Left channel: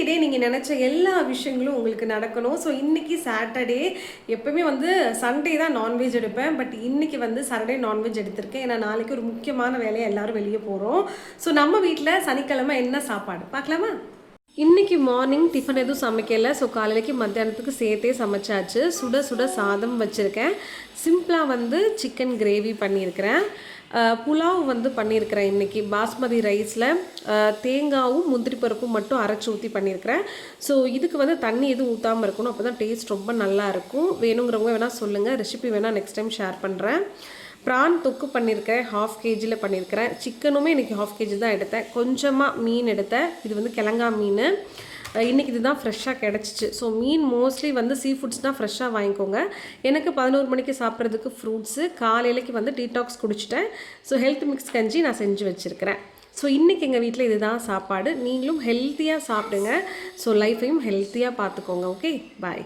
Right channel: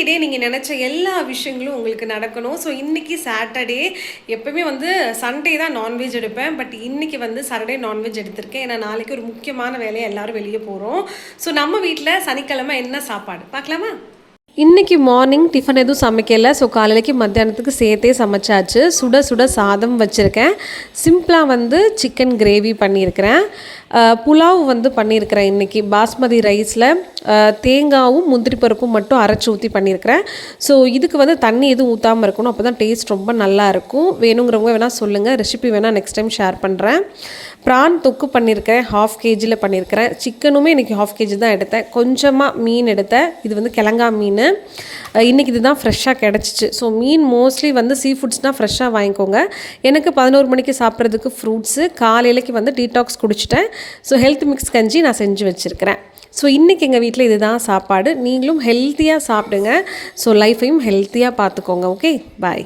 இன்றைக்கி டே நீங்கள் நினச்ச எல்லா விஷயங்களும் உங்களுக்கு நடக்கணும். ஸோ இன்றைக்கி சாட்டர்டே, எப்போவுமே வந்து சண்டே தான் நான்வெஜ் எடுப்பேன். பட் இன்றைக்கி வந்து சாட்டர்டே நான்வெஜ் எடுத்திருக்கேன். ஏன்னா நாளைக்கு ஒரு முக்கியமான வேலையை எல்லோரும் வெளியே போகிறோம். ஸோ நம்ம வீட்டில் சனிக்கிழமை என்ன சாப்பாடு பார்க்கலாமா? இன்றைக்கி மார்னிங் டிஃபன் எதுவும் சமைக்கலை. ஸோ காலையிலைக்கு மத்தியானத்துக்கு சேர்த்தே சமைச்சாச்சு. சுட சுட சாதம் வச்சுருக்கேன். சிம்பிளாக வந்து சிக்கன் கிரேவி பண்ணியிருக்கிறேன். புலாவ் வந்து பண்ணியிருக்கிறேன். இன்றைக்கி பாஸ்மதி ரைஸில் தேங்காயும் முந்திரி பருப்பும் மட்டும் அரைச்சி ஊற்றி பண்ணியிருக்கிறேன். ஸோ இதுக்கு வந்து தண்ணி எதுவும் ஊற்றாமல் இருக்கணும். அப்போ தான் டேஸ்ட் ரொம்ப நல்லாயிருக்கும். வேணுங்கிறவங்க வேணால் சொல்லுங்கள். ரெசிபி வேணால் நெக்ஸ்ட் டைம் ஷேர் பண்ணுறேன். ப்ரான் தொக்கு பண்ணியிருக்கிறேன். 1/2 kg பண்ணியிருக்கிறேன். சிக்கனுமே இன்றைக்கி 1/2 kg தான் எடுத்தேன். கொஞ்சமாக மீன் எடுத்தேன். இது வந்து கிழங்கா மீன். இன்றைக்கி இது தான் ஃப்ரெஷ்ஷாக கிடச்சிச்சு. ஸோ மீன் மோஸ்ட்லி வந்து சீ ஃபுட்ஸ்னால் ஃப்ரெஷ்ஷாக வாங்கிக்கோங்க. எனக்கு 11 மணிக்கு சாப்பிட்றதுக்கு ஃப்ரூட்ஸு, காலையிலைக்கு வந்து டீடாக்ஸ் குடிச்சிட்டேன். ஸோ ஹெல்த் மிக்ஸ் கஞ்சி நான் செஞ்சு வச்சுருக்கிறேன். ஸோ இன்றைக்கி எங்கள் வீட்டில் இதுதான் சாப்பாடு. நீங்களும் ஹெல்த்தியாக சாப்பிடுங்க. ஸோ லைஃப்பையும் ஹெல்த்தியாக பார்த்துக்கோங்க. ஓகே, பாய்.